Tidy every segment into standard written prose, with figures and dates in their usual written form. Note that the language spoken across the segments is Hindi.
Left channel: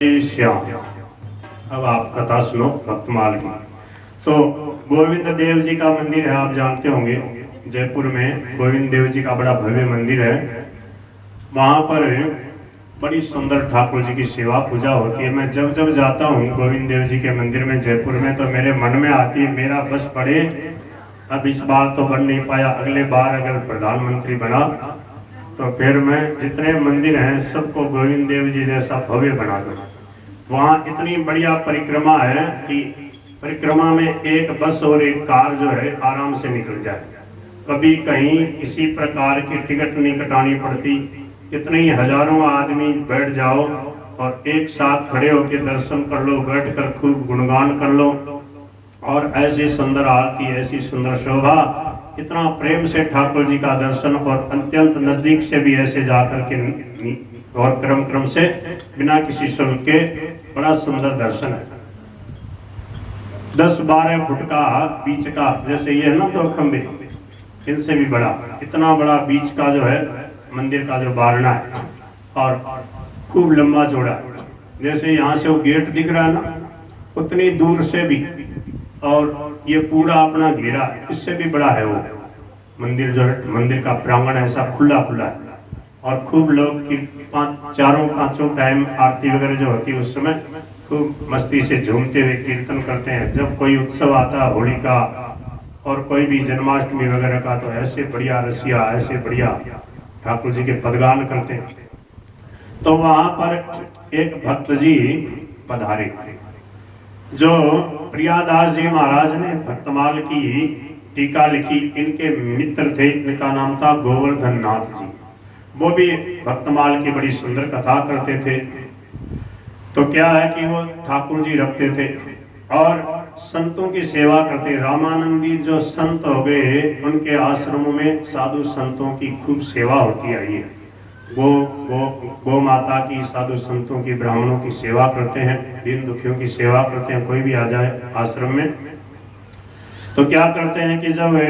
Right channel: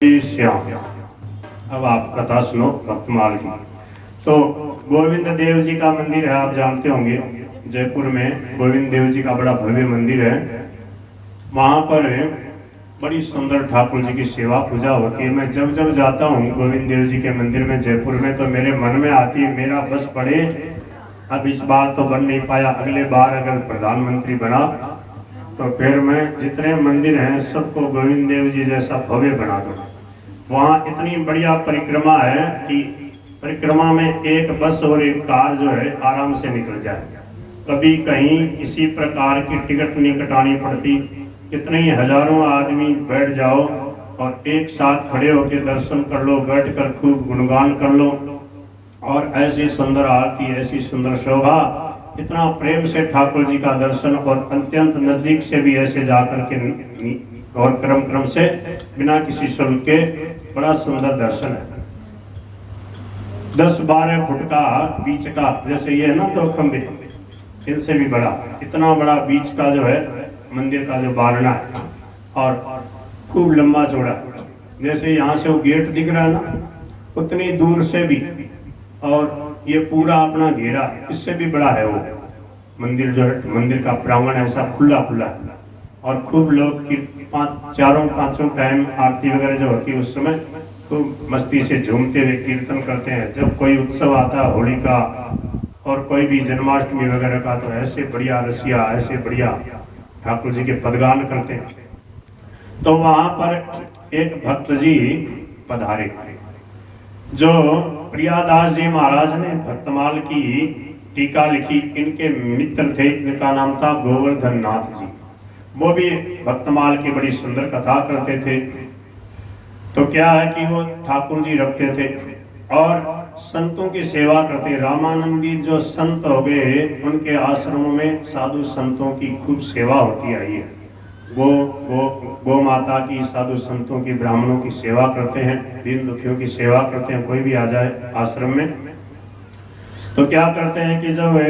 श्याम। अब आप कथा सुनो भक्तमाल की। तो गोविंद देव जी का मंदिर है, आप जानते होंगे जयपुर में गोविंद देव जी का बड़ा भव्य मंदिर है। वहां पर बड़ी सुंदर ठाकुर जी की सेवा पूजा होती है। मैं जब जब जाता हूँ गोविंद देव जी के मंदिर में जयपुर में, तो मेरे मन में आती है मेरा बस पड़े, अब इस बार तो बन नहीं पाया, अगले बार अगर प्रधानमंत्री बना तो फिर मैं जितने मंदिर हैं सबको गोविंद देव जी जैसा भव्य बना दूँ। वहाँ इतनी बढ़िया परिक्रमा है कि परिक्रमा में एक बस और एक कार जो है आराम से निकल जाए। कभी कहीं किसी प्रकार की टिकट नहीं कटानी पड़ती। कितने ही हजारों आदमी बैठ जाओ और एक साथ खड़े होकर दर्शन कर लो, बैठकर खूब गुणगान कर लो। और ऐसी सुंदर आरती, ऐसी सुंदर शोभा, इतना प्रेम से ठाकुर जी का दर्शन, और अत्यंत नजदीक से भी ऐसे जाकर के और क्रम क्रम से बिना किसी शुल्क के बड़ा सुंदर दर्शन है। 10-12 फुट का बीच का, जैसे ये है ना 2 खंबे, इनसे भी बड़ा, इतना बड़ा बीच का जो है मंदिर का जो बारना है, और खूब लंबा चौड़ा है। जैसे यहाँ से वो गेट दिख रहा है ना, उतनी दूर से भी, और ये पूरा अपना घेरा है, इससे भी बड़ा है वो मंदिर। जो है मंदिर का प्रांगण ऐसा खुला खुला है, और खूब लोग की चारों पांचों टाइम आरती वगैरह जो होती है उस समय खूब मस्ती से झूमते हुए कीर्तन करते हैं। जब कोई उत्सव आता है, होली का और कोई भी जन्माष्टमी वगैरह का, तो ऐसे बढ़िया रसिया, ऐसे बढ़िया ठाकुर जी के पदगान करते हैं। तो वहां पर एक भक्त जी पधारे, जो प्रियादास जी महाराज ने भक्तमाल की टीका लिखी, इनके मित्र थे। इनका नाम था गोवर्धन नाथ जी। वो भी भक्तमाल की बड़ी सुंदर कथा करते थे। तो क्या है कि वो ठाकुर जी रखते थे और संतों की सेवा करते। रामानंदी जो संत हो गए, उनके आश्रमों में साधु संतों की खूब सेवा होती आई है। गो माता की, साधु संतों की, ब्राह्मणों की सेवा करते हैं, दीन दुखियों की सेवा करते हैं। कोई भी आ जाए आश्रम में तो क्या करते हैं कि जब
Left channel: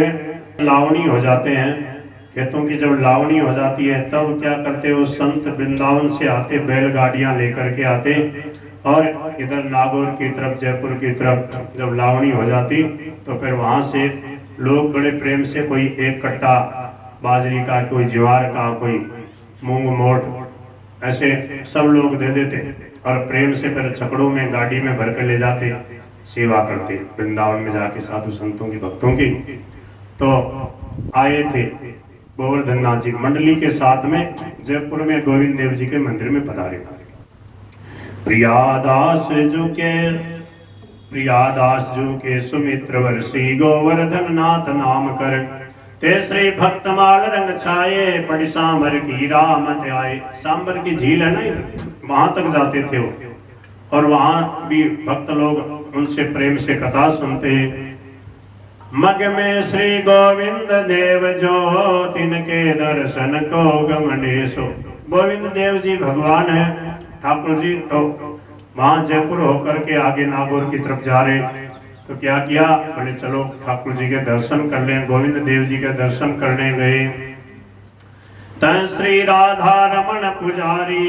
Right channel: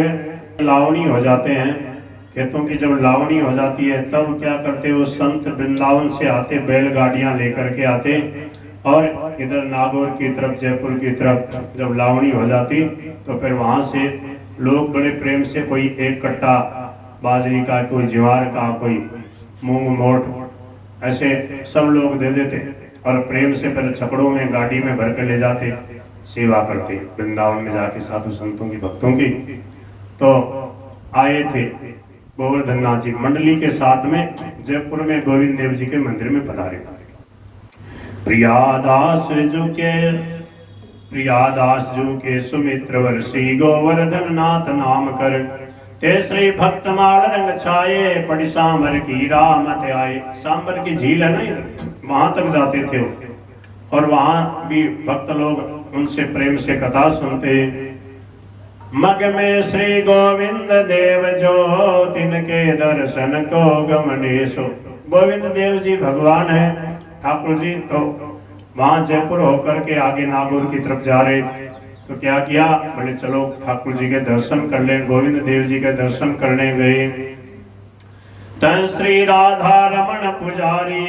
लावणी हो जाते हैं, खेतों की जब लावणी हो जाती है, तब क्या करते वो संत वृंदावन से आते, बैलगाड़ियां लेकर के आते, और इधर नागौर की तरफ, जयपुर की तरफ जब लावणी हो जाती तो फिर वहां से लोग बड़े प्रेम से कोई एक कट्टा बाजरी का, कोई ज्वार का, कोई मूंग मोट, ऐसे सब लोग दे देते, और प्रेम से फिर छकड़ों में गाड़ी में भर कर ले जाते, सेवा करते वृंदावन में जाके साधु संतों की, भक्तों की। तो आए थे गोवर्धन नाथ जी मंडली के साथ में जयपुर में गोविंद देव जी के मंदिर में पधारे। प्रियादास जू के सुमित्र वर्षी गोवर्धन नाथ नाम कर, ते श्री भक्तमाल रंग छाये, बड़ी सांबर की रामत आए। सांबर की झील है ना इधर, वहां तक जाते थे वो, और वहां भी भक्त लोग उनसे प्रेम से कथा सुनते। मग में श्री गोविंद देव जो, तिनके दर्शन को गमनेशो। गोविंद देव जी भगवान है ठाकुर जी। तो वहां जयपुर होकर के आगे नागौर की तरफ जा रहे, तो क्या किया, बोले चलो ठाकुर जी के दर्शन कर लें। गोविंद देव जी के दर्शन करने गए। तन श्री राधा रमण पुजारी,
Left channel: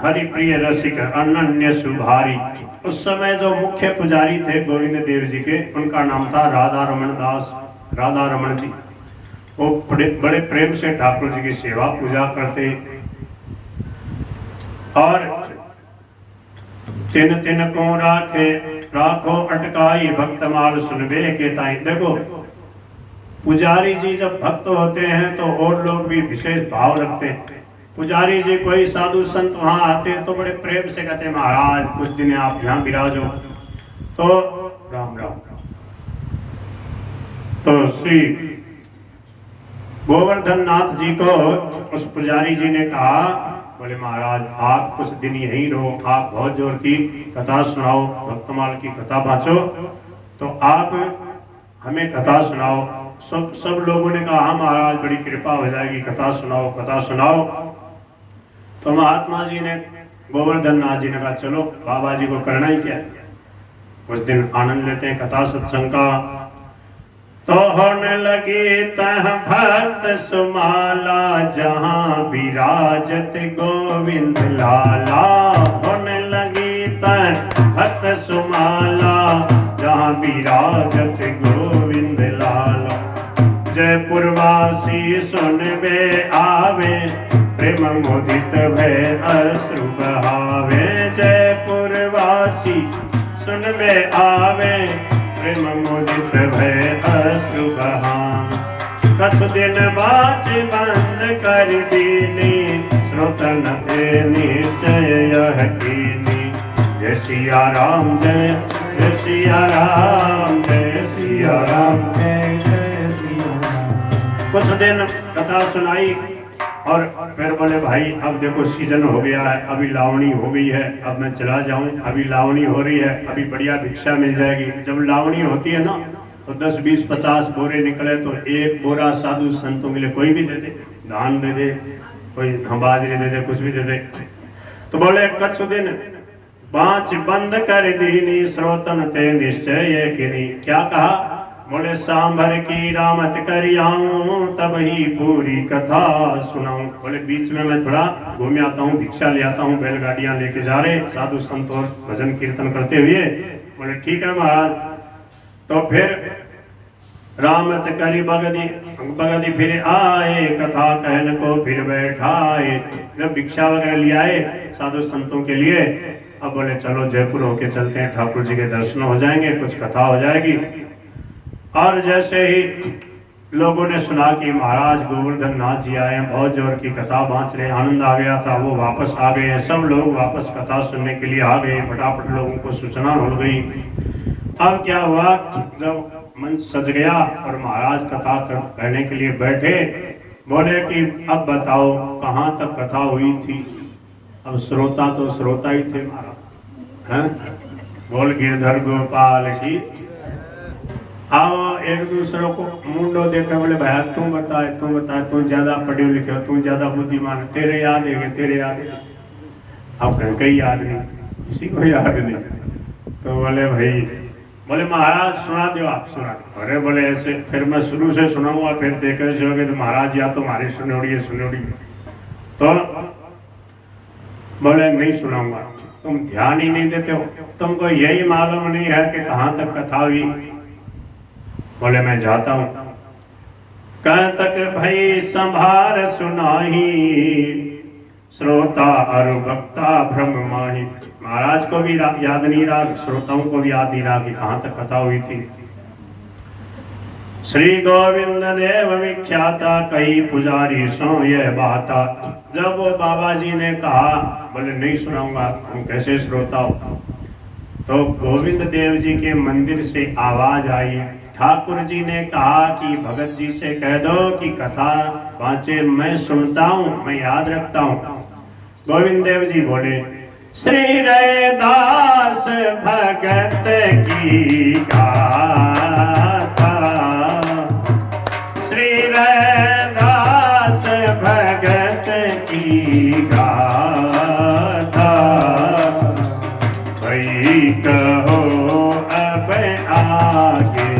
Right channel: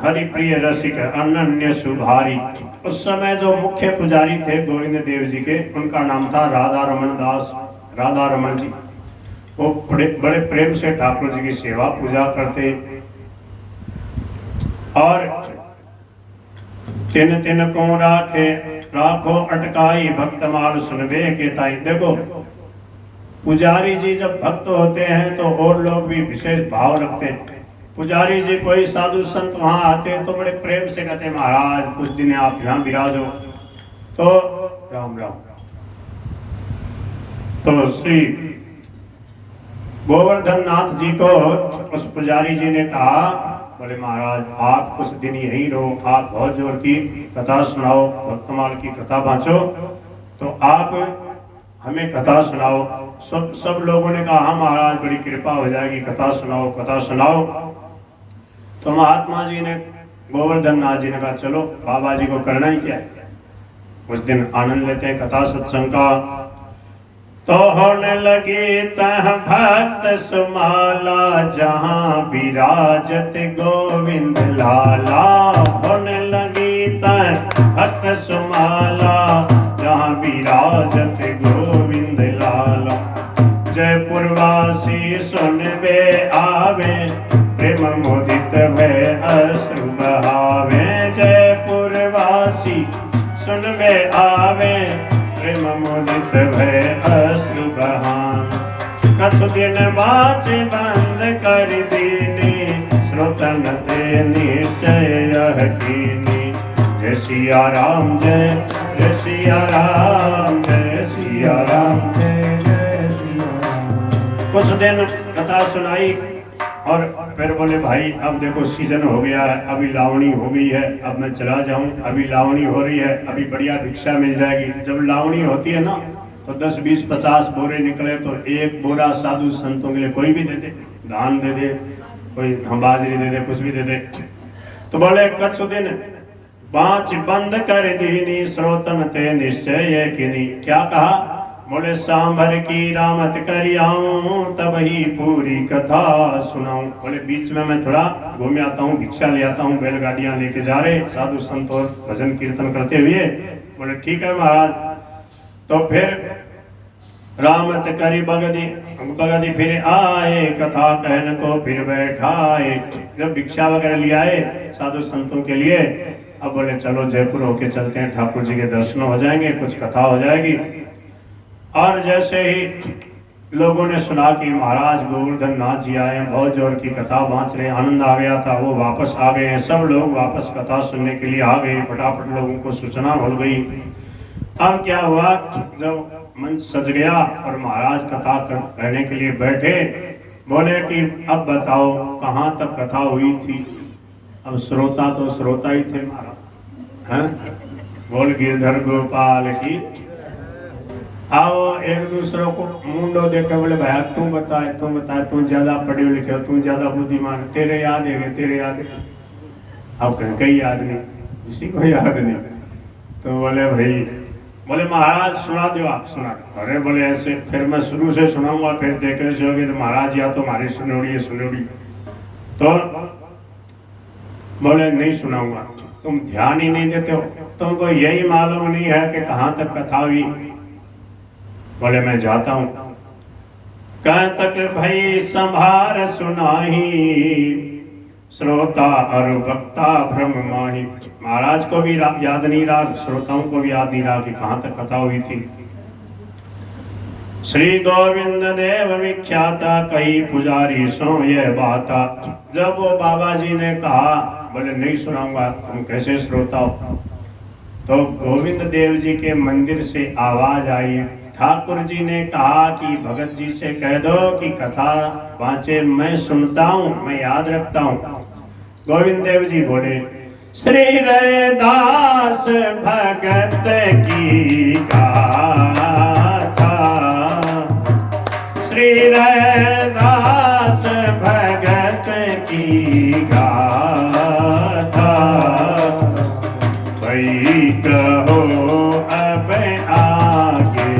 हरि प्रिय रसिक अनन्य सुधारी। उस समय जो मुख्य पुजारी थे गोविंद देव जी के, उनका नाम था राधा रमण दास, राधा रमण जी। वो बड़े प्रेम से ठाकुर जी की सेवा पूजा करते, और तिन तिन को राखो अटकाई, भक्तमाल सुनबे के ताई। देखो पुजारी जी जब भक्त होते हैं तो और लोग भी विशेष भाव रखते हैं। पुजारी जी कोई साधु संत वहां आते हैं तो बड़े प्रेम से कहते, महाराज कुछ दिन आप यहाँ विराजो, तो राम राम। तो श्री गोवर्धन नाथ जी को उस पुजारी जी ने कहा, बोले महाराज आप कुछ दिन यहीं रहो, आप बहुत जोर की कथा सुनाओ, भक्तमाल की कथा बाँचो, तो आप हमें कथा सुनाओ। सब लोगों ने कहा हाँ महाराज बड़ी कृपा हो जाएगी, कथा सुनाओ, कथा सुनाओ। तो महात्मा जी ने, गोवर्धन नाथ जी ने कहा चलो बाबा जी को करना ही क्या, उस दिन आनंद लेते हैं कथा सत्संग का। तो होने लगी तह भक्त सुमाला, जहां विराजत गोविंद लाला। होने लगी हंसी सुन में आवे, प्रेम मुदित भय अश्रु बहान। कछु दिन बाची बंद कर दीनी, श्रोतन ते निश्चय यह कीनी। जय सिया राम जय सिया राम, जय सिया राम जय सिया राम। कुछ दिन कथा सुनाई और फिर बोले भाई अब देखो सीजन हो गया है, अभी लावणी हो गई है, अब मैं चला जाऊं, अभी लावणी हो रही है, अभी बढ़िया भिक्षा मिल जाएगी। जब लावणी होती है ना तो 10, 20, 50 बोरे निकले तो एक बोरा साधु संतों के लिए कोई भी दे दे, दान दे दे, कोई बाजरी दे दे, कुछ भी दे दे। तो बोले कछु दिन बाँच बंद कर दीनी, श्रोतन ते निश्चय किनी। क्या कहा? बोले सांभर की रामत करियाऊं, तब ही पूरी कथा सुनाऊं। बोले बीच में मैं थोड़ा घूम आता हूँ, भिक्षा ले आता हूँ, बैलगाड़ियां लेके जा रहे साधु संत और भजन कीर्तन करते हुए। बोले ठीक है महाराज। तो फिर रामत करी बगदी फिर आए, कथा कहने को फिर बैठाए। जब भिक्षा वगैरह ले आए साधु संतों के लिए, अब बोले चलो जयपुर होके चलते हैं, ठाकुर जी के दर्शन हो जाएंगे, कुछ कथा हो जाएगी। और जैसे ही लोगों ने सुना कि महाराज गोवर्धन नाथ जी आए, बहुत जोर की कथा बांच रहे, आनंद आ गया था, वो वापस आ गए हैं। सब लोग वापस कथा सुनने के लिए आ गए, फटाफट लोगों को सूचना हो गई। अब क्या हुआ, जब मंच सज गया और महाराज कथा कहने के लिए बैठे, बोले कि अब बताओ कहाँ तक कथा हुई थी। अब श्रोता तो श्रोता ही थे महाराज, हैं? बोल गिरधर गोपाल की। आओ एक दूसरे को मुंडो देखे, बोले भाई तुम बताए, तुम ज्यादा पढ़े लिखे हो, तुम ज्यादा बुद्धिमान, तेरे याद है, तेरे याद है। अब कहीं कहीं याद नहीं, किसी को याद नहीं। तो बोले भाई, बोले महाराज सुना दो, आप सुना दो। अरे बोले ऐसे फिर मैं शुरू से सुनाऊंगा, फिर देखे से होगे तो महाराज या तो हमारी सुनोड़ी। तो बोले नहीं सुनाऊंगा, तुम ध्यान ही नहीं देते हो, तुमको यही मालूम नहीं है कि कहाँ तक कथा हुई। बोले मैं जाता हूं। कह तक भाई संभार सुनाही, श्रोता और वक्ता भ्रम माही। महाराज को भी याद नहीं रहा, श्रोताओं को भी याद नहीं रहा कि कहाँ तक कथा हुई थी। श्री गोविंद देव विख्याता, कई पुजारी सो यह बाता। जब वो बाबा जी ने कहा, बोले नहीं सुनाऊंगा, तुम कैसे श्रोता हो। तो गोविंद देव जी के मंदिर से आवाज आई, ठाकुर जी ने कहा कि भगत जी से कह दो कि कथा बाँचे, मैं सुनता हूँ, मैं याद रखता हूँ। गोविंद देव जी बोले, श्री रैदास भगत की गाथा, श्री रैदास भगत की गाथा। भाई कहो अब आगे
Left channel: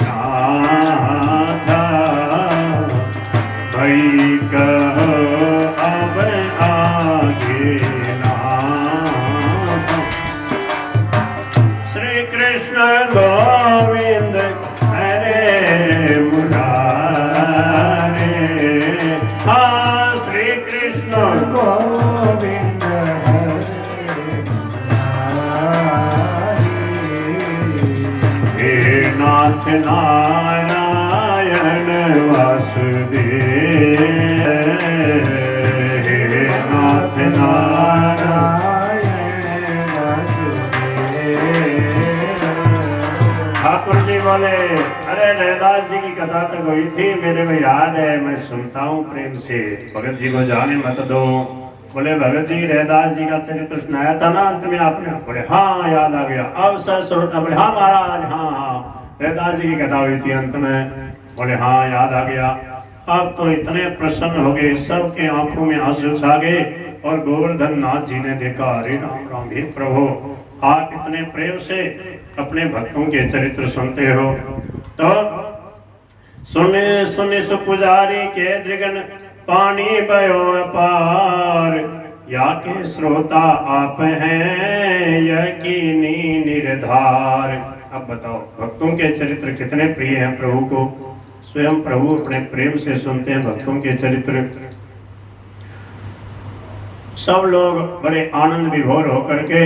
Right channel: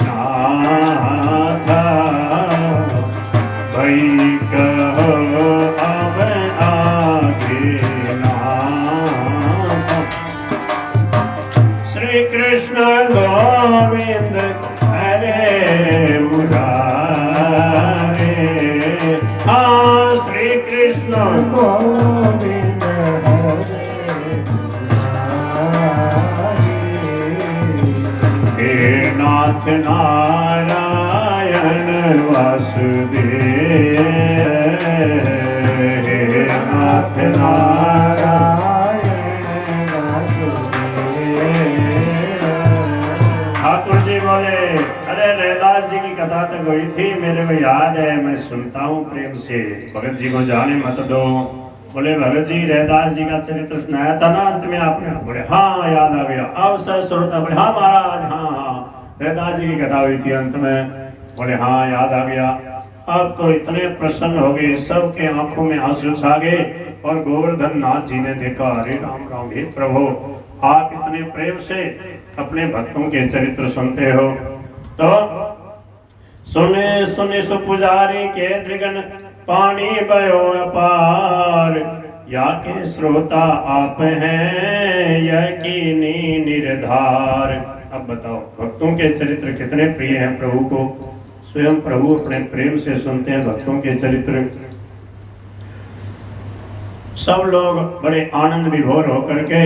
नाथा, भाई कहो अब आगे नाथा। श्री कृष्ण गोविंद हरे मुरारे, हाँ श्री कृष्ण गोविंद हरे नाथ नारायण वासुदेव, हे नाथ नारायण वासुदेव। ठाकुर जी बोले, अरे रैदास जी की कथा तक हुई थी, मेरे को याद है, मैं सुनता हूँ प्रेम से, भगत जी को जाने मत दो। बोले भगत जी रैदास जी का चरित्र सुनाया था ना अंत में आपने। बोले हाँ याद आ गया। अब सर श्रोता बोले हाँ महाराज, हाँ रैदास जी की कथा हुई थी अंत में। बोले हाँ याद आ गया। अब तो इतने प्रसन्न हो गए, सबके आंखों में आंसू छा गए। और गोवर्धन नाथ जी ने देखा, अरे राम राम, हे प्रभु आप इतने प्रेम से अपने भक्तों के चरित्र सुनते हो। तो सुने सुने सु पुजारी के दृगन, पानी बयो अपार, या के श्रोता आप हैं यकीनी निर्धार। अब बताओ भक्तों के चरित्र कितने प्रिय हैं प्रभु को। स्वयं प्रभु अपने प्रेम से सुनते हैं भक्तों के चरित्र। सब लोग बड़े आनंद विभोर होकर के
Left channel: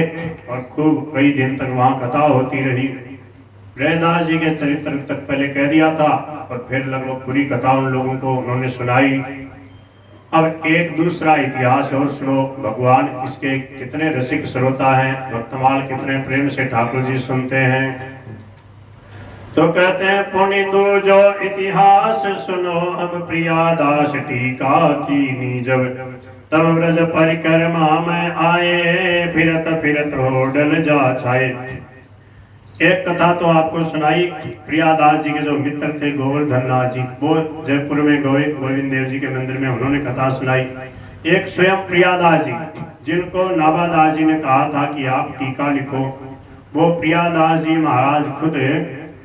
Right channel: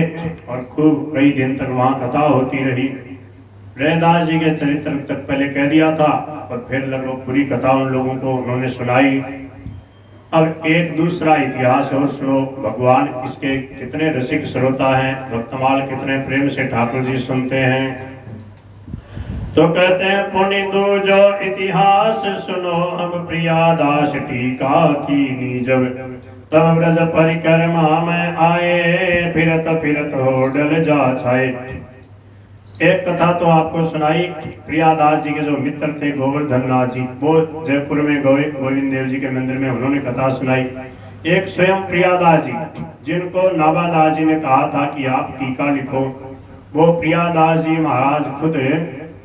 और खूब कई दिन तक वहाँ कथा होती रही। रैदास जी के चरित्र तक पहले कह दिया था और फिर लगभग पूरी कथा उन लोगों को उन्होंने सुनाई। अब एक दूसरा इतिहास और सुनो। भगवान इसके कितने रसिक श्रोता हैं, भक्तमाल कितने प्रेम से ठाकुर जी सुनते हैं। तो कहते हैं पुनि दो जो इतिहास सुनो, अब प्रिया दास टीका की जब तब ब्रज परिक्रमा में आए, फिरत फिरत होडल जा छाए। एक कथा तो आपको सुनाई, प्रियादास जी के जो मित्र थे गोवर्धन नाथ जी, वो जयपुर में गोविंद देव जी के मंदिर में उन्होंने कथा सुनाई। एक स्वयं प्रियादास जी, जिनको नाभादास जी ने कहा था कि आप टीका लिखो, वो प्रियादास जी महाराज खुद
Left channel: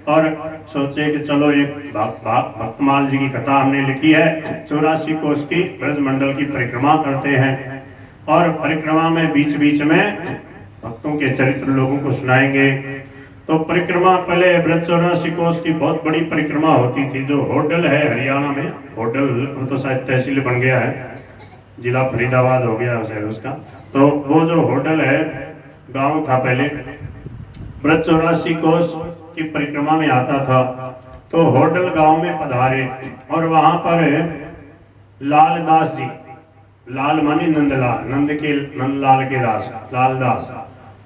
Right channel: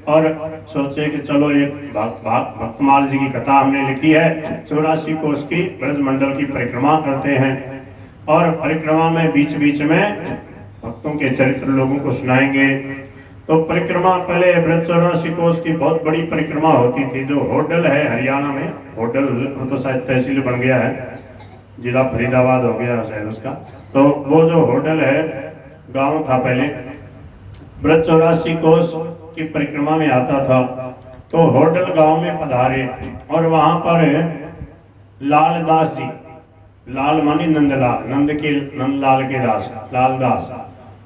और सोचे कि चलो एक भक्तमाल जी की कथा हमने लिखी है, 84 कोस की ब्रजमंडल की परिक्रमा करते हैं और परिक्रमा में बीच बीच में भक्तों के चरित्र लोगों को सुनाएंगे। तो परिक्रमा पहले ब्रज 84 कोस की बहुत बड़ी परिक्रमा होती थी। जो होडल है हरियाणा में, होडल तो शायद तहसील बन गया है, जिला फरीदाबाद हो गया शायद उसका। तो वो जो होडल है गांव था पहले, ब्रज 84 कोस की परिक्रमा में आता था। तो होडल गांव में पधारे और वहां पर लालदास जी, लाल मानी नंदलाल, नंदलाल के दास लालदास,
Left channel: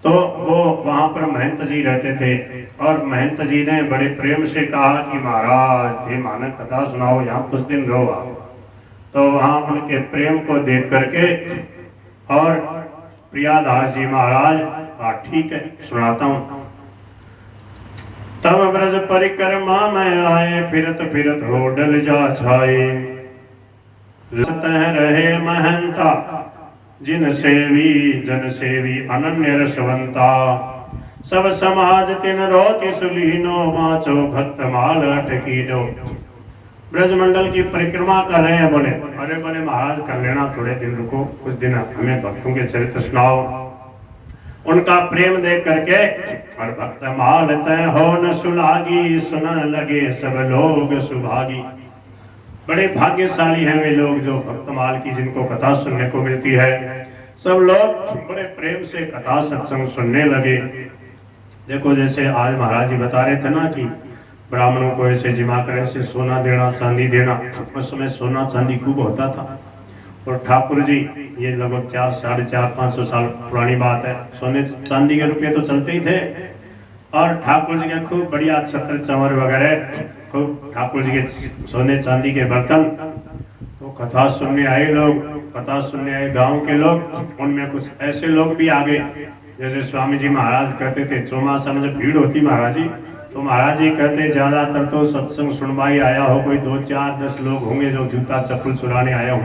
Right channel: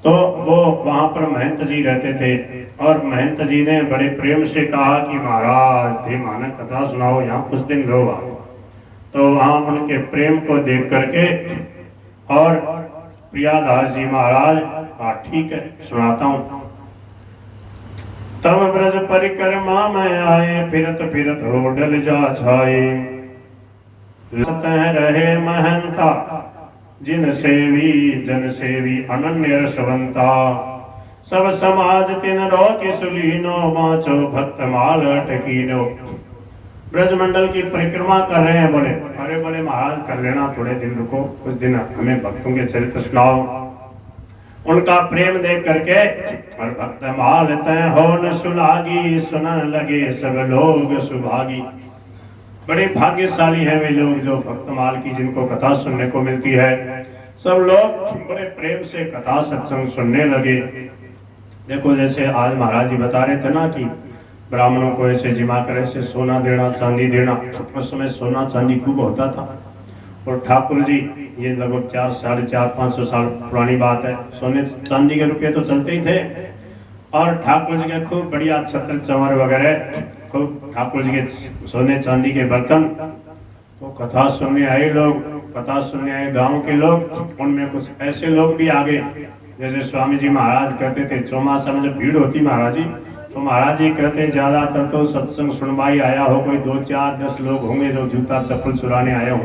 तो वो वहां पर महंत जी रहते थे और महंत जी ने बड़े प्रेम से कहा कि महाराज थे मानक कथा सुनाओ, यहाँ कुछ दिन रहो। तो वहां उनके प्रेम को देख करके और प्रियादास जी महाराज कहा ठीक है सुनाता हूँ। तब ब्रज परिक्रमा में आए, फिरत फिरत होडल जा छाए। सतह रहे महंता, जिन सेवी जन सेवी अनन्य रसवंता। सब समाज तिन रो के सुलीनो, बाँचो भक्त माल अटकीनो। ब्रजमंडल की परिक्रमा कर रहे हैं, बोले अरे बोले महाराज कर लेना, थोड़े दिन रुको, कुछ दिन हमें भक्तों के चरित्र सुनाओ। उनका प्रेम देख करके और भक्त माल तय हो न सुलागी, सुनन लगे सब लोग सुभागी। बड़े भाग्यशाली हैं वे लोग जो भक्तमाल की जिनको कथा सुनने को मिलती है। सब लोग बड़े प्रेम से कथा सत्संग सुनने लगे। देखो जैसे आज महाराज जी बता रहे थे ना कि ब्राह्मणों को ऐसे जिमा कर ऐसे सोना देना चांदी देना, उस समय सोना चांदी खूब होता था। और ठाकुर जी, ये लगभग 400-500 साल पुरानी बात है, सोने चांदी के रुपये तो चलते ही थे और ठाकुर जी के खूब बढ़िया छत्र चंवर वगैरह, खूब ठाकुर जी के सोने चांदी के बर्तन। तो कथा सुनने आए लोग, कथा सुनने आए गांव के लोग, उनमें कुछ ऐसे लोग भी आ गए। जैसे स्वामी जी महाराज कहते थे, चौमासा में जब भीड़ होती महाराज जी, तो महाराज जी कहते ज्यादातर तो सत्संग सुनवाई आया हो, कोई 2, 4, 10 लोग होंगे जो जूता चप्पल चुराने आए हो,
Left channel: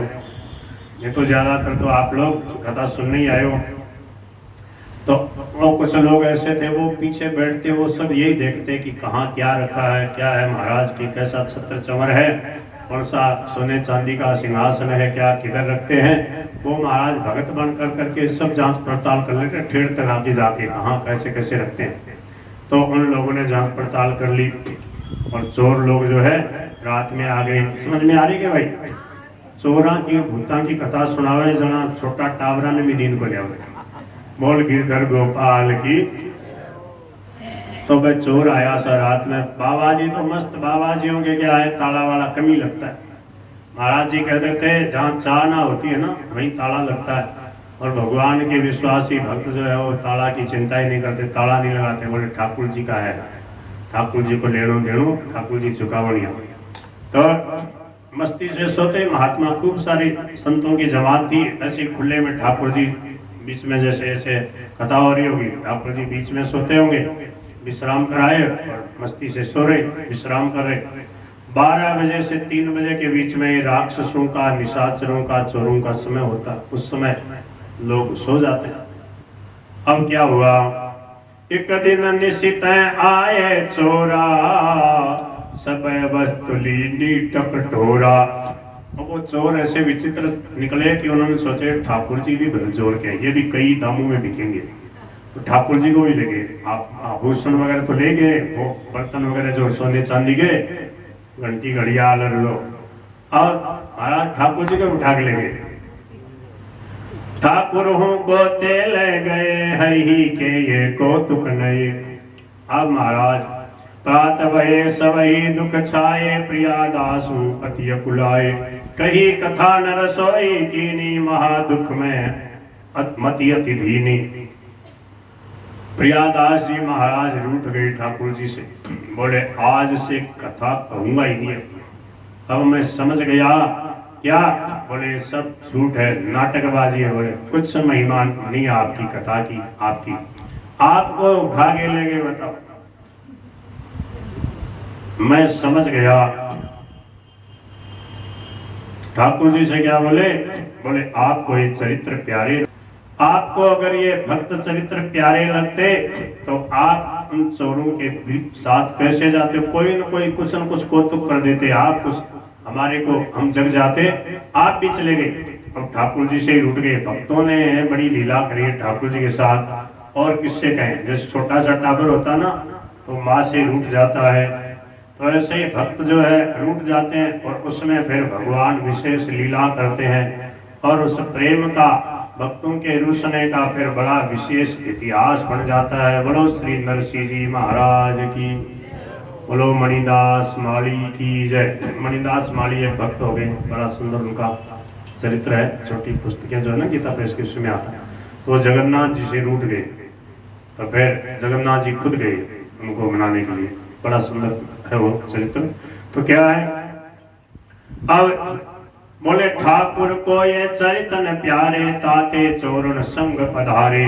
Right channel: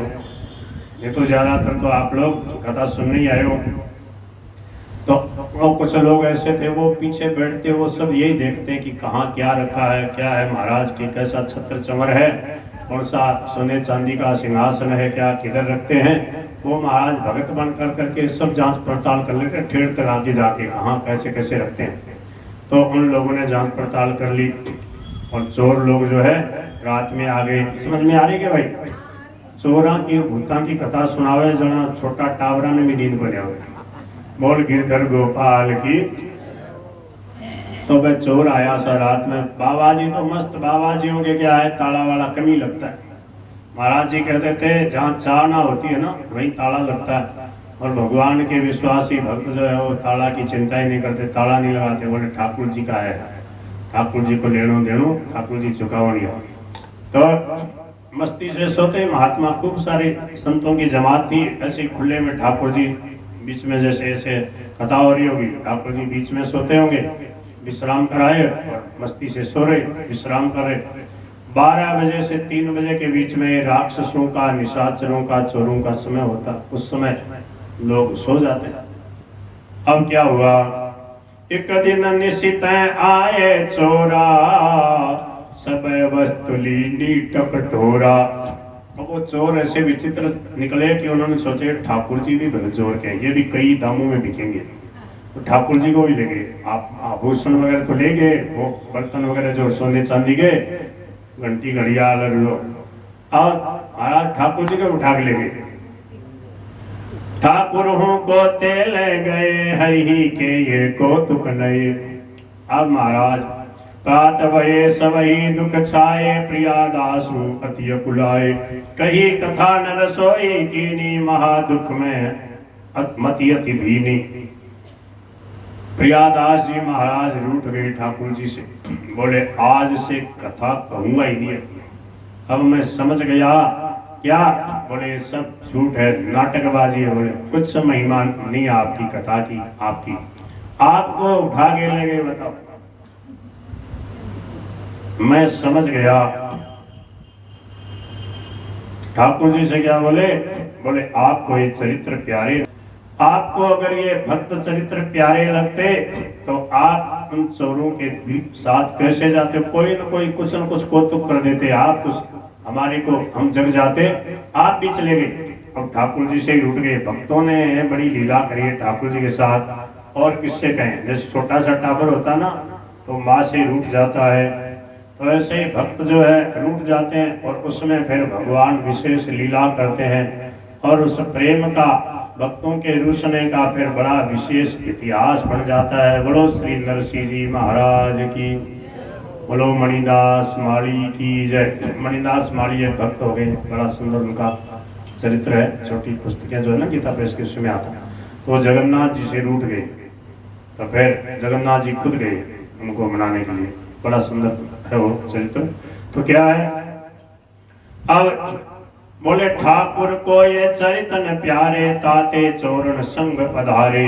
ये तो ज्यादातर तो आप लोग कथा सुनने ही आए हो। तो वो कुछ लोग ऐसे थे, वो पीछे बैठते, वो सब यही देखते कि कहाँ क्या रखा है, क्या है महाराज की, कैसा छत्र चंवर है, कौन सा सोने चांदी का सिंहासन है, क्या किधर रखते हैं। वो महाराज भगत बन कर करके सब जांच पड़ताल कर लेते, ठेर तक आके जाके कहाँ कैसे कैसे रखते हैं। तो उन लोगों ने जांच पड़ताल कर ली और चोर लोग जो है रात में आ गए। समझ में आ रही है भाई, चोरा की भूता की कथा सुनावे जना छोटा टावरा ने भी नींद को लिया, बोल गिरधर गोपाल की। तो भाई चोर आया सा रात में, बाबा जी तो मस्त बाबा जी होंगे, क्या है ताला वाला कमी लगता है। महाराज जी कहते थे जहाँ चाह ना होती है ना वहीं ताला लगता है। और भगवान के विश्वासी भक्त जो है वो ताला की चिंता ही नहीं करते, ताला नहीं लगाते, बोले ठाकुर जी का है, ठाकुर जी को लेनो देनो, ठाकुर जी चुकावनी हो। तो मस्ती से सोते। महात्मा खूब सारे संतों की जमात थी, ऐसे खुले में ठाकुर जी बीच में, जैसे ऐसे कथा हो रही होगी, ठाकुर जी बीच में सोते होंगे, विश्राम कराए और मस्ती से सो रहे, विश्राम कर रहे। 12 बजे से 3 बजे के बीच में राक्षसों का, निशाचरों का, चोरों का समय होता, उस समय लोग सो जाते हैं। अब क्या हुआ, एक दिन निश्चित आए चोरा, सब वस्तु लीनी टकटोरा। वो चोर ऐसे विचित्र निकले कि उन्होंने सोचे ठाकुर जी भी चोर के, ये भी कई दामों में बिकेंगे, तो ठाकुर जी को भी ले गए। आप आभूषण वगैरह तो ले गए, वो बर्तन वगैरह जो सोने चांदी के, घंटी घड़ियाल और लो, और ठाकुर जी को उठा के ले गए। ठाकुर हूँ को ते ले गए हरि के ये कौतुक नए। अब महाराज प्रात भये सबही दुख छाए प्रिया दासु अति कुलाए। कही कथा न रसोई कीनी महा दुख में मति अति भीनी। प्रियादास जी महाराज रूठ गए ठाकुर जी से, बोले आज से कथा कहूंगा ही नहीं। अब मैं समझ गया क्या? बोले सब झूठ है, नाटकबाजी है। बोले कुछ महिमा नहीं आपकी कथा की, आपकी आपको उठा के ले गए। बताओ, मैं समझ गया। ठाकुर जी से क्या बोले? बोले आपको ये चरित्र प्यारे, आपको अगर ये भक्त चरित्र प्यारे लगते तो आप उन चोरों के साथ कैसे जाते? कोई न कोई कुछ न कुछ कौतुक कर देते, आप कुछ हमारे को हम जग जाते, आप भी चले गए और ठाकुर जी से ही रूठ गए। भक्तों ने बड़ी लीला करी है ठाकुर जी के साथ। और किससे कहें? जैसे छोटा सा टाबर होता ना तो माँ से रूठ जाता है, तो ऐसे ही भक्त जो है रूठ जाते हैं और उसमें फिर भगवान विशेष लीला करते हैं। और उस प्रेम का, भक्तों के रूसने का फिर बड़ा विशेष इतिहास बन जाता है। बोलो श्री नरसिंह जी महाराज की, बोलो मणिदास माली की जय। मणिदास माली एक भक्त हो गए, बड़ा सुंदर उनका चरित्र है। छोटी पुस्तकें जो है ना गीता प्रेस के उसमें आता है। तो जगन्नाथ जी से रूठ गए तो फिर जगन्नाथ जी खुद गए उनको मनाने के लिए। बड़ा सुंदर है वो चरित्र। तो क्या है, अब बोले ठाकुर को ये चरितन प्यारे ताते चोरन संग पधारे।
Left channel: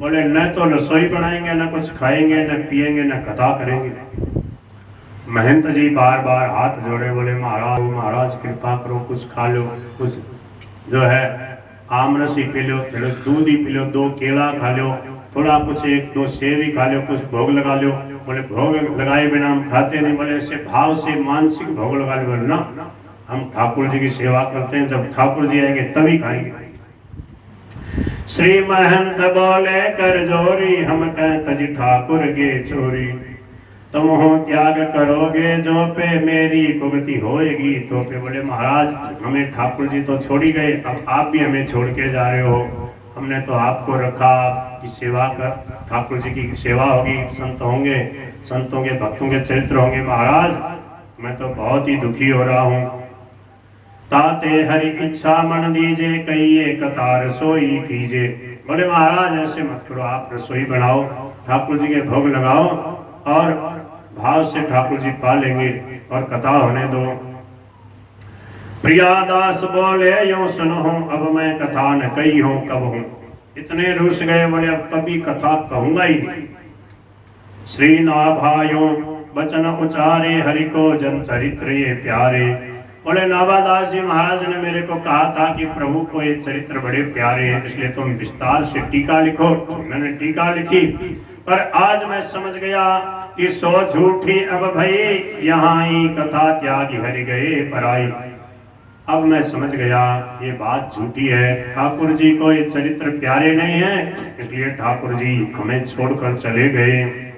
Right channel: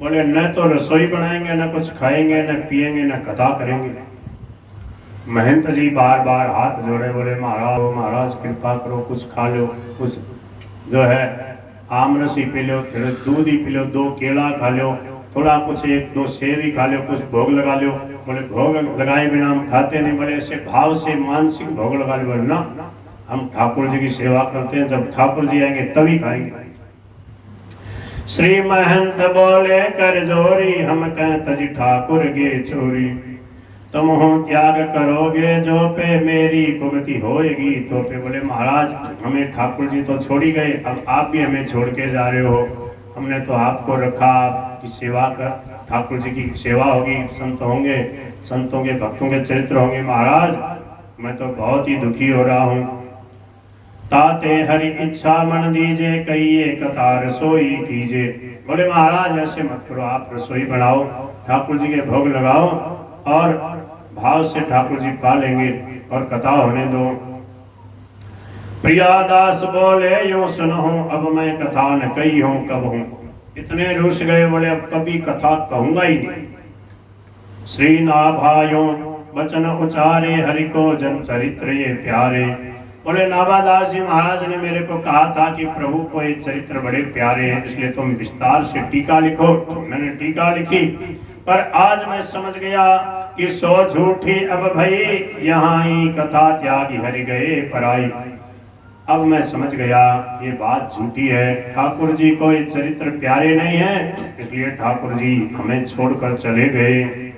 बोले न तो रसोई बनाएंगे, न कुछ खाएंगे, न पिएंगे, न कथा करेंगे। महंत जी बार बार हाथ जोड़े, बोले महाराज कृपा करो, कुछ खा लो, कुछ जो है आम रस ही पी लो, थोड़ा दूध ही पी लो, 2 केला खा लो, थोड़ा कुछ 1-2 सेब ही खा लो, कुछ भोग लगा लो। बोले भोग लगाए बिना हम खाते नहीं। बोले ऐसे भाव से मानसिक भोग लगा लो ना, हम ठाकुर जी की सेवा करते हैं, जब ठाकुर जी आएंगे तभी खाएंगे। श्री महंत बोले कर जोरी, हम कहत जी ठाकुर गे चोरी। तुम हो त्याग करोगे जो पे मेरी भुगति होएगी तो पे। बोले महाराज हमें ठाकुर जी तो छोड़ ही गए, अब आप भी हमें छोड़ के जा रहे हो। हमने तो आपको रखा, आपकी सेवा कर, ठाकुर जी की सेवा होगी, संत होंगे, संतों के भक्तों के चरित्र होंगे। महाराज मैं तो बहुत ही दुखी हो रहा हूँ। ताते हरि इच्छा मन दीजे, कहिए कथा रसोई कीजे। बोले महाराज ऐसे मत करो, आप रसोई बनाओ, ठाकुर जी के भोग लगाओ और भाव से ठाकुर जी पा लेंगे और कथा होने दो। प्रियादास बोले यूं सुनो, अब मैं कथा न कही हूं कब हूं। इतने रुस गए, बोले अब कभी कथा कहूंगा ही नहीं। श्री नाभायों वचन उचारे, हरि को जन चरित्र ये प्यारे। बोले नाभादास जी महाराज ने मेरे को कहा था कि प्रभु को ये चरित्र बड़े प्यारे हैं, इसलिए तुम विस्तार से टीका लिखो। मैंने टीका लिखी, पर आज मैं समझ गया कि सो झूठी अब भई, यहाँ ही कथा त्यागी हरि गए पराई। अब मैं समझ गया ये बात झूठी है, ठाकुर जी को ये चरित्र प्यारे नहीं है, इसलिए ठाकुर जी हमें छोड़कर चले गए।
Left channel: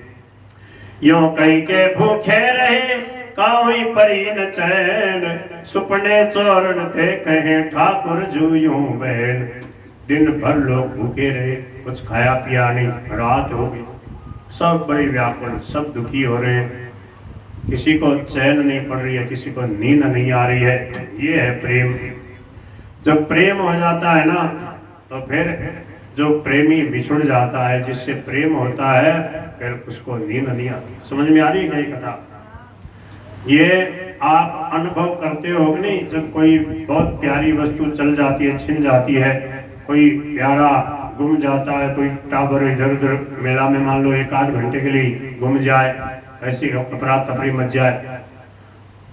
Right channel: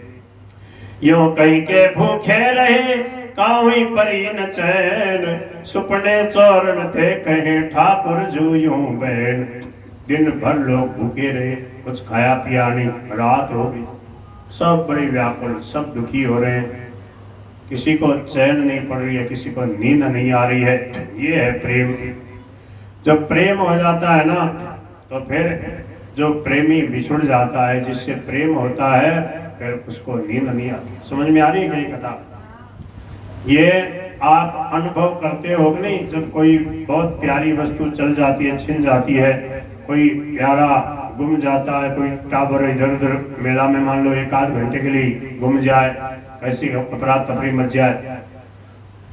यो कई के भूखे रहे, काहुई परी न चैन, सुपने चौरन थे कहे ठाकुर जू यूं बैन। दिन भर लोग भूखे रहे, कुछ खाया पिया नहीं, रात हो गई, सब बड़े व्याकुल, सब दुखी हो रहे हैं। किसी को चैन नहीं पड़ रही है, किसी को नींद नहीं आ रही है। ये है प्रेम। जब प्रेम हो जाता है ना तो फिर जो प्रेमी बिछुड़ जाता है, जिससे प्रेम होता है, फिर उसको नींद नहीं आती। समझ में आ रही है क्या ये कथा? ये आप अनुभव करते हो कि नहीं? जब कोई बहुत प्यारी वस्तु चल जाती है, छिन जाती है, कोई प्यारा गुम जाता है, कोई टावर इधर उधर मेला में मान लो 1-8 घंटे के लिए गुम जाए, ऐसी अफरा तफरी मच जाए।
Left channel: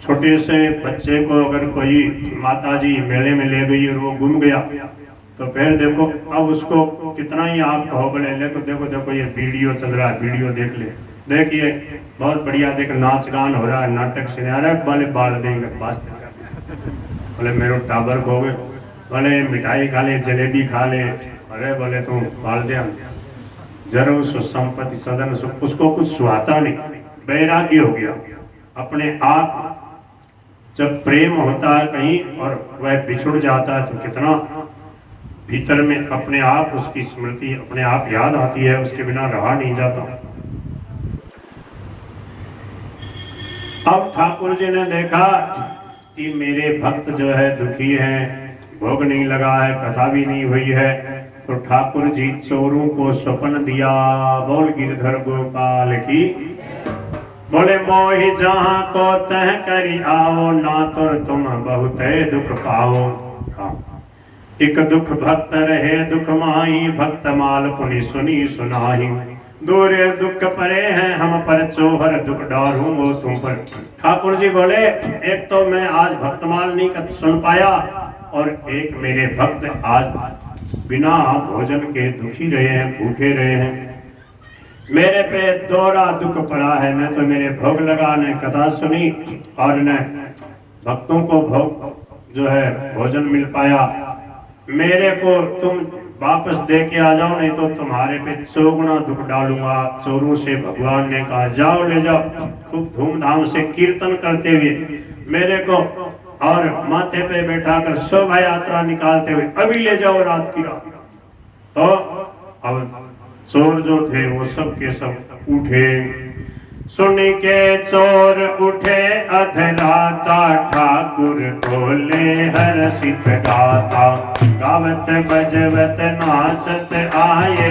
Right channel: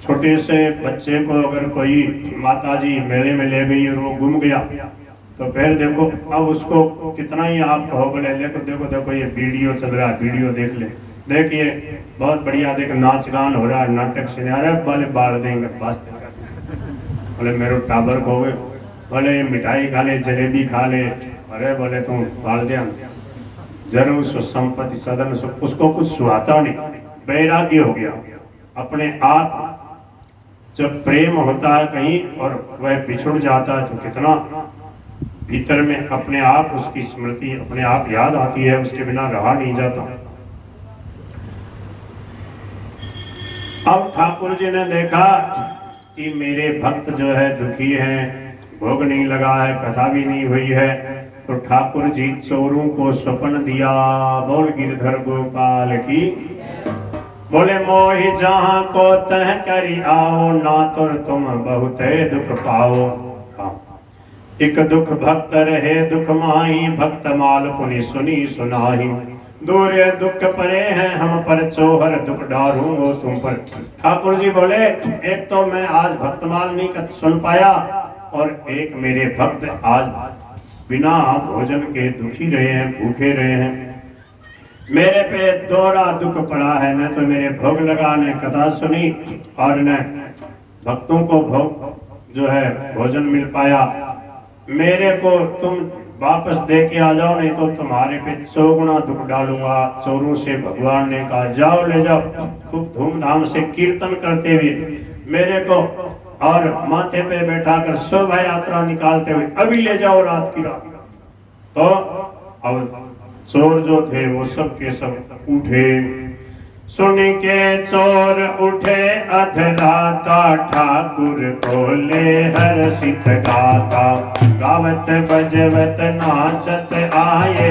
छोटे से बच्चे को अगर कोई माताजी मेले में ले गई और वो गुम गया, तो फिर देखो अब उसको कितना ही आप कहो, बोले देखो देखो देखो ये वीडियो चल रहा है, वीडियो देख ले, देखिए बहुत बढ़िया, देख नाच गान हो रहा है, नाटक सुना रहा है, बोले बाल देंगे पास, बोले मेरे टाबर को गए, बोले मिठाई खा ले, जलेबी खा ले, अरे बोले तुम बाल दे जरूर सुसंपत्ति सदन, उसको कुछ सुहाता नहीं, वैराग्य हो गया अपने आप। जब प्रेम होता है कहीं और वह बिछुड़ जाता है तो कितना भीतर में अपने आप उसकी स्मृति अपने आप याद आती है, उसके बिना रहा नहीं जाता। अब ठाकुर जी ने देखा कि मेरे भक्त जो है दुखी हैं, भोग नहीं लगा है, कथा भी नहीं हुई है, तो ठाकुर जी चोरों को स्वप्न दिया। बोल गिरधर गोपाल की। बोले मोहि जहाँ को तह करी आओ, ना तुर तुम बहुत दुख पाओ। एक दुख भक्त रहे दुख माही, भक्त माल पुनि सुनी सुनाही। दूरे दुख परे हैं हम पर, चोहर दुख डारूं वो तुम पर। ठाकुर जी बोले एक तो मैं आज भक्तमाल नहीं सुन पाया, और एक मेरे भक्त आज बिना भोजन के दुखी रहे हैं, भूखे रहे हैं। मेरे पे दोहरा दुख पड़ा है, न तो मेरे भोग लगा, न कथा सुनी, और न भक्तों को भोग जो है भोजन मिल पाया। मेरे को तुम वापस दे के आ जाओ, नहीं तो तुम्हारे पे चौगुना दुख डालूंगा। चोरों से भगवान ने कहा जाओ ले जाओ, खूब धूमधाम से कीर्तन करते हुए मेरे को और माथे पे बैठा कर शोभा यात्रा निकालते हुए अभी ले जाओ रात की रात। तो अब चोर जो थे वो सब के सब उठे। सुन के चोर उठे अधराता, ठाकुर बोले हर्षित गाता। गावत बजवत नाचत आए,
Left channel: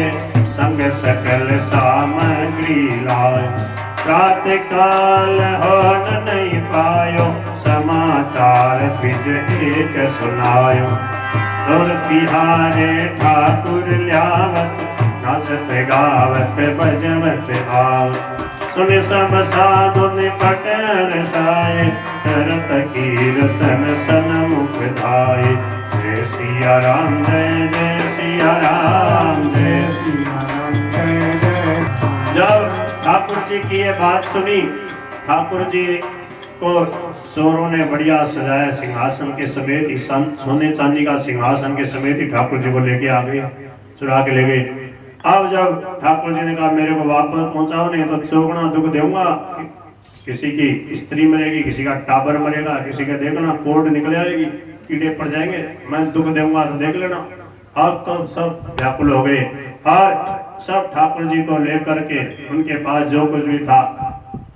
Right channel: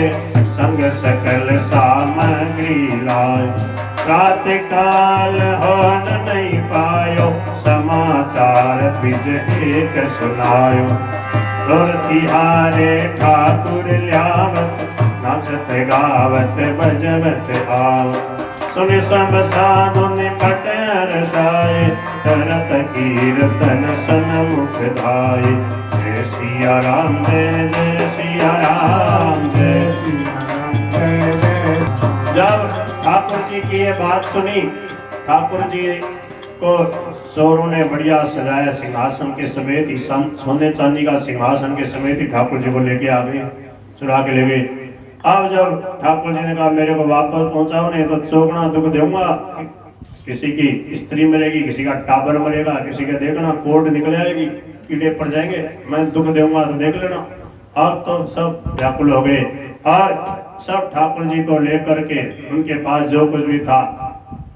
संग सकल सामग्री लाए। रात काल होन नहीं पायो, समाचार बिज एक सुनायो। तुर तिहारे ठाकुर ल्यावत, नाचत गावत बजवत आओ। सुन सब साधुन पट रसाए, करत कीर्तन सन्मुख धाये। जय सिया राम जय सिया राम जय सिया राम। जब ठाकुर जी की ये बात सुनी, ठाकुर जी को चोरों ने बढ़िया सजाया सिंहासन के समेत ही, सोने चांदी का सिंहासन के समेत ही ठाकुर जी को लेके आ गए, चुरा के ले गए। अब जब ठाकुर जी ने कहा मेरे को वापस पहुंचाओ, नहीं तो चौगुना दुख दूंगा। किसी की स्त्री मरेगी, किसी का टाबर मरेगा, किसी का देखना कोर्ट निकल आएगी, कीड़े पड़ जाएंगे, मैं दुख दूंगा तो देख लेना। अब तो सब व्याकुल हो गए और सब ठाकुर जी को लेकर के उनके पास जो कुछ भी था,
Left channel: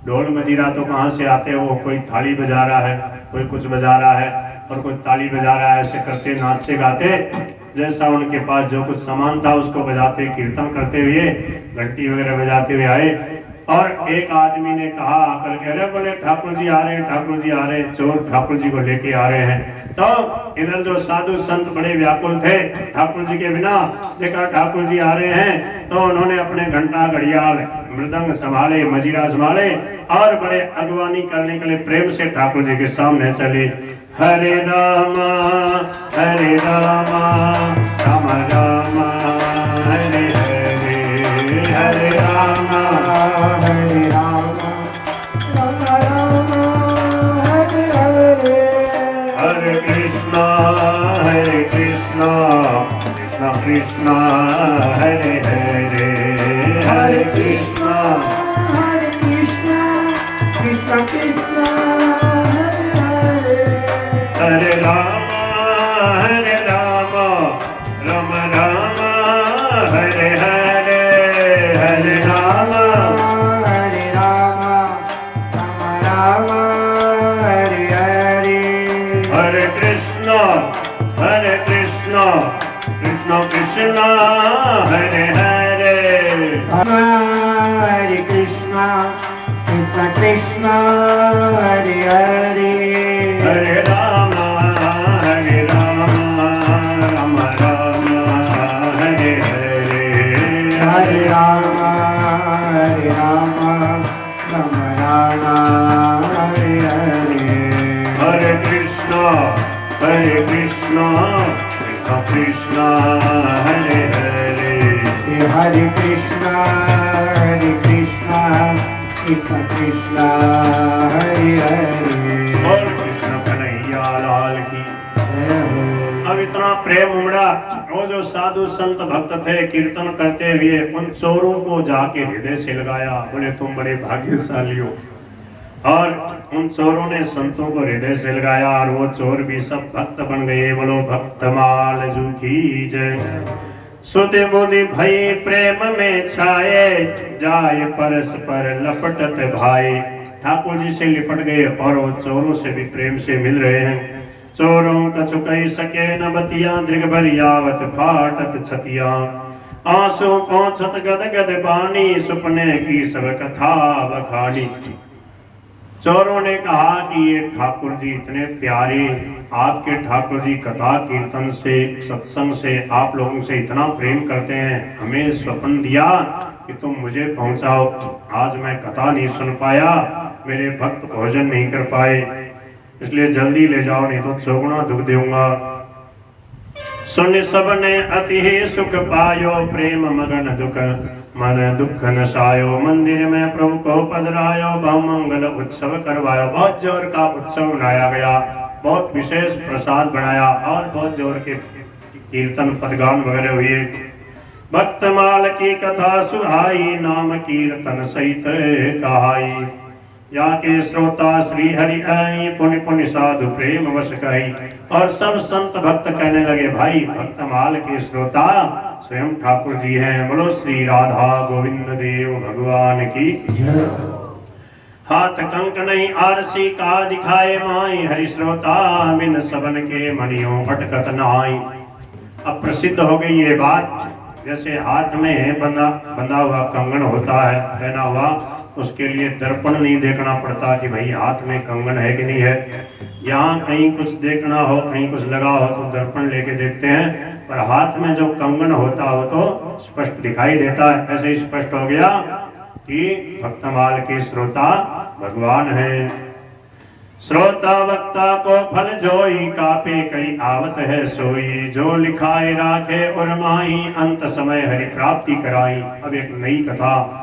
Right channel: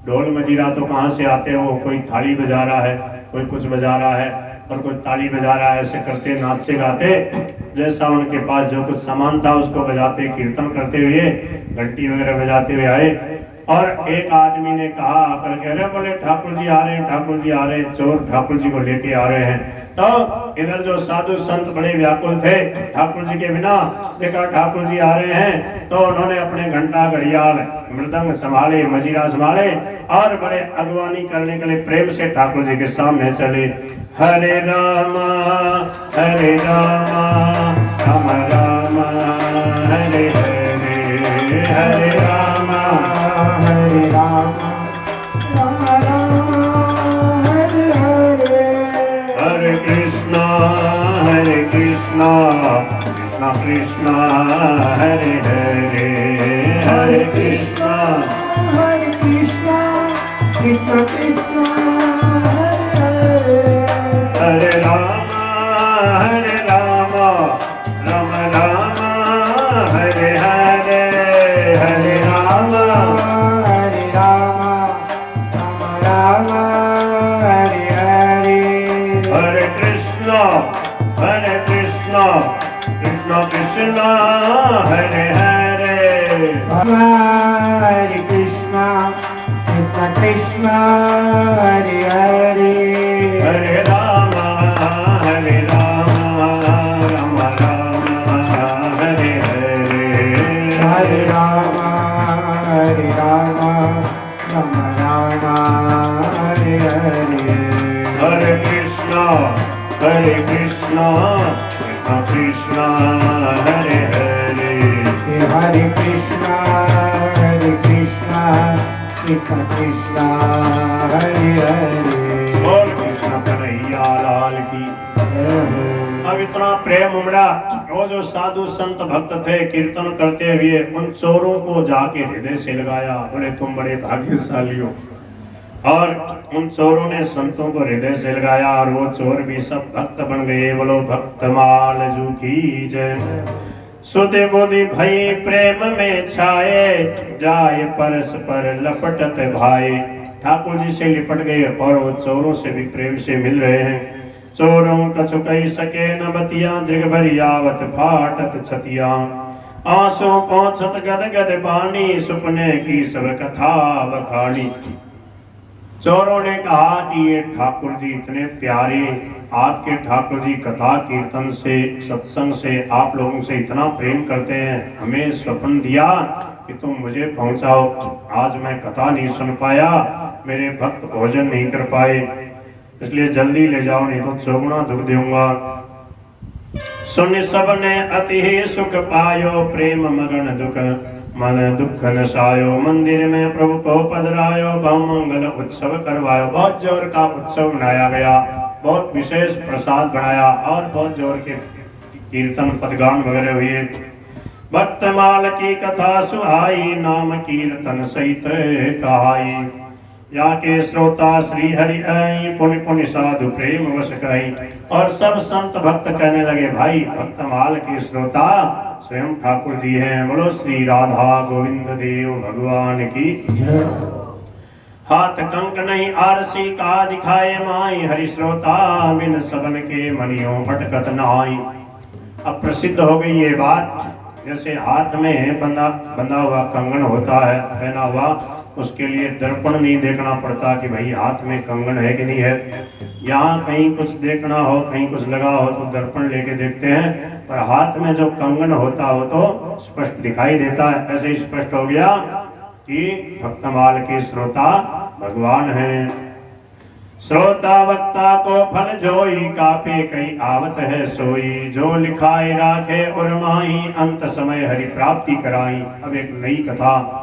ढोल मजीरा तो कहाँ से आते हैं, वो कोई थाली बजा रहा है, कोई कुछ बजा रहा है और कोई ताली बजा रहा है, ऐसे करते नाचते गाते जैसा उनके पास जो कुछ सामान था उसको बजाते कीर्तन करते हुए घंटी वगैरह बजाते हुए आए। और एक आदमी ने कहा आकर के, अरे बोले ठाकुर जी आ रहे हैं, ठाकुर जी आ रहे हैं, चोर ठाकुर जी को लेके आ रहे हैं। तो इधर जो साधु संत बड़े व्याकुल थे ठाकुर जी के बिना, देखा ठाकुर जी आ रहे हैं तो उन्होंने अपने घंटा घड़ियाल मृदंग संभाले, मजीरा संभाले और बड़े अगवानी करने के लिए प्रेम से ठाकुर जी के सामने चले। हरे रामा राम राम हरे हरे, हरे रामा राम राम हरे हरे। हरे कृष्णा कृष्णा कृष्णा हरे हरे, हरे कृष्णा कृष्णा कृष्णा हरे राम राम राम हरे हरे, हरे राम राम हरे हरे। हरे कृष्णा कृष्णा कृष्णा हरे हरे, हरे कृष्णा कृष्णा हरे हरे। हरे राम राम हरे हरे, हरे राम राम हरे हरे। हरे कृष्णा कृष्णा कृष्णा हरे हरे, हरे कृष्णा कृष्णा हरे हरे। और कृष्ण कन्हैया लाल की। अब इतना प्रेम उमड़ा, वो जो साधु संत भक्त थे कीर्तन करते हुए उन चोरों को जाके हृदय से लगाया। बोले तुम बड़े भाग्यशाली हो, और उन चोरों ने संतों को हृदय से लगाया और वो चोर भी सब भक्त बन गए। बोलो भक्तमाल जू की जय। सुधे बुधि भई प्रेम में छाए, जाए परस्पर लपटत भाई। ठाकुर जी से लिपट गए और वो चोरों से भी प्रेम से मिल रहे हैं। चोरों कछु कही सके न बतिया, दृग भर यावत फाटत छतिया। आंसू पहुंचत गद गद बानी, सुपने की सब कथा बखानी। चोरों ने कहा कि ये ठाकुर जी इतने प्यारे, आपके ठाकुर जी कथा कीर्तन से सत्संग से आप लोगों से इतना प्रेम करते हैं, हमें स्वप्न दिया कि तुम मुझे पहुंचाओ। आज मैं कथा नहीं सुन पाया, मेरे भक्त भोजन नहीं कर पाए, इसलिए जल्दी ले जाओ नहीं तो चौगुना दुख दूंगा। सुन सबने अति ही सुख पायो, प्रेम मगन दुख मन दुख नसायो। मंदिर में प्रभु को पधरायो, बहुमंगल उत्सव करवायो। बहुत जोर का उत्सव मनाया गया, बहुत विशेष प्रसाद बनाया और बहुत जोर के कीर्तन पदगान वगैरह हुए। भक्तमाल की कथा सुहाई, नाम कीर्तन सहित कहाई। या के श्रोता श्री हरि आई, पुनि पुनि साधु प्रेम वश कही। और सब संत भक्त कहने लगे भाई भक्तमाल के श्रोता स्वयं ठाकुर जी हैं। बोलो श्री राधा गोविंद देव भगवान की जय। हाथ कंक नहीं आरसी का दिखाए माई, हरि श्रोता बिन सबन के मनियों भटकत नाई। अब प्रसिद्ध हो गई ये बात, जैसे हाथ में बंधा हुआ कंगन होता है पहना हुआ, उसके लिए दर्पण नहीं देखना पड़ता कि भाई हाथ में कंगन है कि नहीं है। यहाँ कहीं कुछ देखना हो, कहीं कुछ लगा हो तो दर्पण लेके देखते हैं, पर हाथ में जो कंगन होता हो तो स्पष्ट दिखाई देता है। ऐसे ही स्पष्ट हो गया कि भक्तमाल के श्रोता भगवान हैं। श्रोता वक्ता को फल जोई, कापे कई आवत है सोई। जो लिखाए राखे उर्माही, अंत समय हरि प्राप्ति कराई। अब एक नई कथा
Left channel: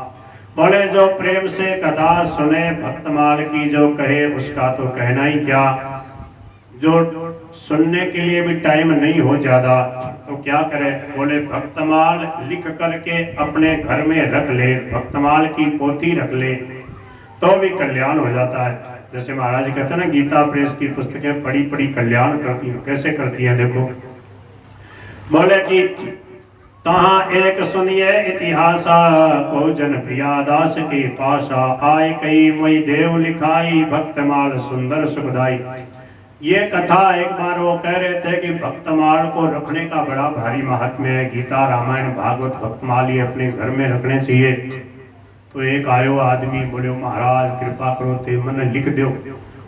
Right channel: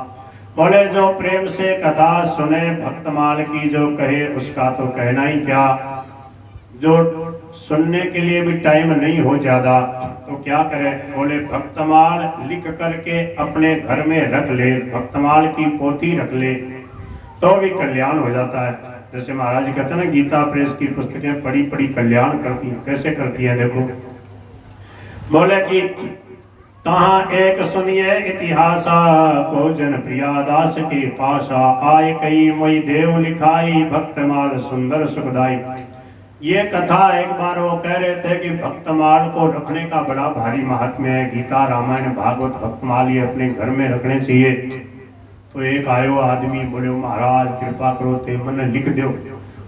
बोले, जो प्रेम से कथा सुने भक्तमाल की जो कहे उसका तो कहना ही क्या। जो सुनने के लिए भी टाइम नहीं हो ज्यादा तो क्या करे, बोले भक्तमाल लिख करके अपने घर में रख ले, भक्तमाल की पोथी रख ले तो भी कल्याण हो जाता है। जैसे महाराज जी कहते हैं ना, गीता प्रेस की पुस्तकें पढ़ी पढ़ी कल्याण करती है। कैसे करती है देखो, बोले कि तहाँ एक सुनिए इतिहासा, को जन प्रियादास के पासा। आए कई मोई देव लिखाई, भक्तमाल सुंदर सुखदाई। ये कथा एक बार वो कह रहे थे कि भक्तमाल को रखने का बड़ा भारी महात्म्य है। गीता रामायण भागवत भक्तमाल ये अपने घर में रखने चाहिए। तो एक आयो आदमी, बोले महाराज कृपा करो ते मैंने लिख दो।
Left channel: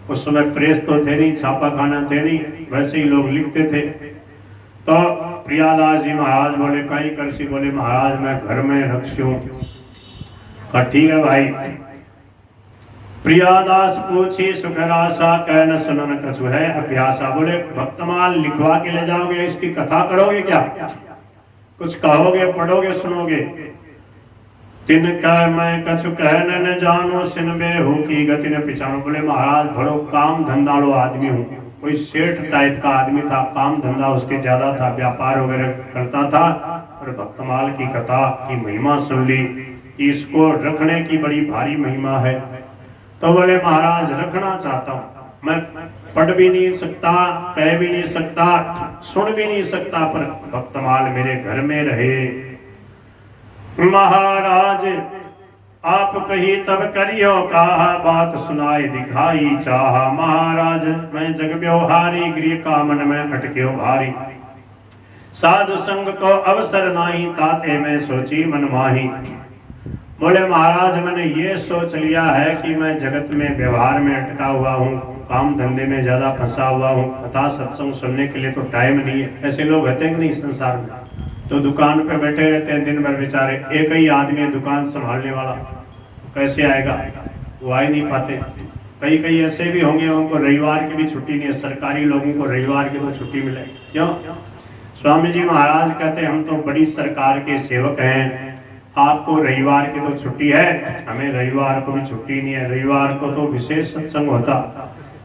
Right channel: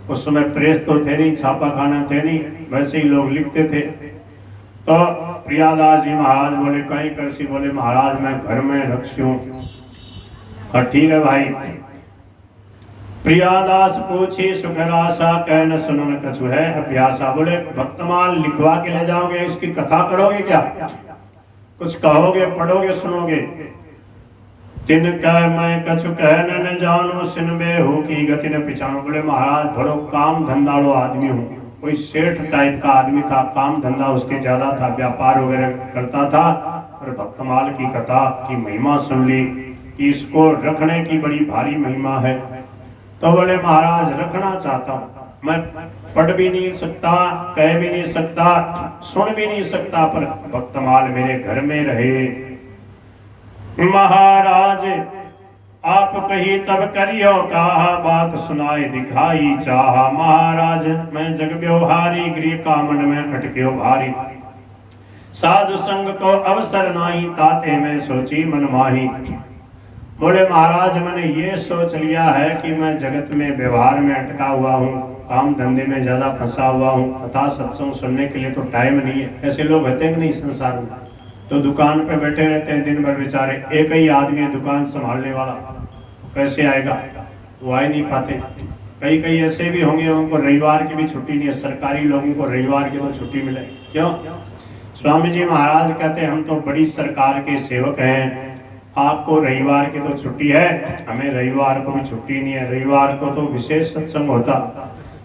उस समय प्रेस तो थे नहीं, छापा खाना थे नहीं, वैसे ही लोग लिखते थे। तो प्रियादास जी महाराज बोले कहीं करसी, बोले महाराज मैं घर में रखूं। ठीक है भाई। प्रियादास पूछी सुखरासा, कहन सुनन कछु है अभ्यासा। बोले भक्तमाल लिखवा के ले जाओगे, इसकी कथा करोगे क्या, कुछ कहोगे पढ़ोगे सुनोगे। तिन कह मैं कछु कह न जानो, सिनबे हो की गति न पिछानो। बोले महाराज बड़ो काम धंधाड़ो आदमी हूँ, कोई सेठ टाइप का आदमी था, काम धंधा उसके ज्यादा था, व्यापार वगैरह करता था। और भक्तमाल की कथा की महिमा सुन ली कि इसको रखने की बड़ी भारी महिमा है। तो बोले महाराज रखना चाहता हूँ, मैं पढ़ भी नहीं सकता, कह भी नहीं सकता, सुन भी नहीं सकता, पर भक्तमाल मेरे घर में रहे। महाराज आप कही तब करियो कहा, बात सुनाई दिखाई चाहा। महाराज मैं जग व्यवहारी, गृह कामन में अटक्यो भारी। साधु संग को अवसर नाही, ताते में सोची मन माही। बोले महाराज मैंने ये सोच लिया है कि मैं जगत में व्यवहार में अटका हुआ हूँ, काम धंधे में ज्यादा फंसा हुआ हूँ, कथा सत्संग सुनने के लिए तो टाइम नहीं है। ऐसे लोग रहते हैं कि नहीं संसार में, तो दुकान पे बैठे रहते हैं दिन भर बेचारे। एक ही आदमी है दुकान संभालने वाला, कैसे आएगा, वो आ ही नहीं पाते। कई कई ऐसे भी होंगे उनको रविवार की भी छुट्टी नहीं है। सरकारी लोगों को रविवार की तो छुट्टी मिले, क्यों? स्वामी जी महाराज कहते हम तो बड़ी सरकार के सेवक हैं, आपको रविवार की तो छुट्टी है, हमें रविवार को भी छुट्टी नहीं है। रविवार को तो विशेष सत्संग होता।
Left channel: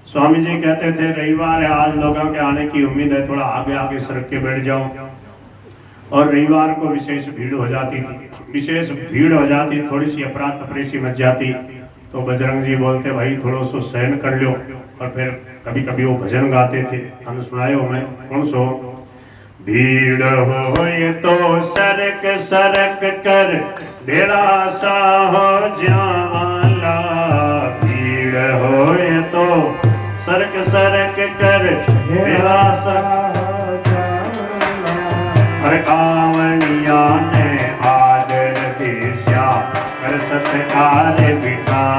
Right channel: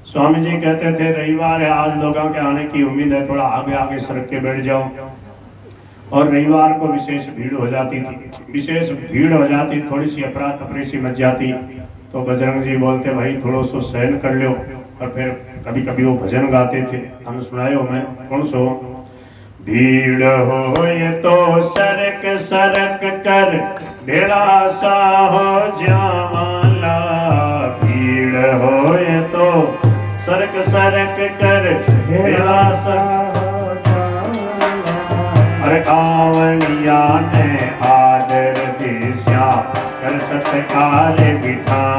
स्वामी जी कहते थे रविवार है, आज लोगों के आने की उम्मीद है, थोड़ा आगे आगे सड़क के बैठ जाओ। और रविवार को विशेष भीड़ हो जाती थी, विशेष भीड़ हो जाती, थोड़ी सी अफरा तफरी सी मच जाती। तो बजरंग जी बोलते भाई थोड़ो सो सहन कर लो। और फिर कभी कभी वो भजन गाते थे, हम सुनायो मैं कौन सो। भीड़ हो ये तो सरक सरक कर ढेरा सा हो जाला, भीड़ हो ये तो सरक सरक कर ढेरा सा हर कांवड़िया ने आदर दिशा कर सत्कार बिठा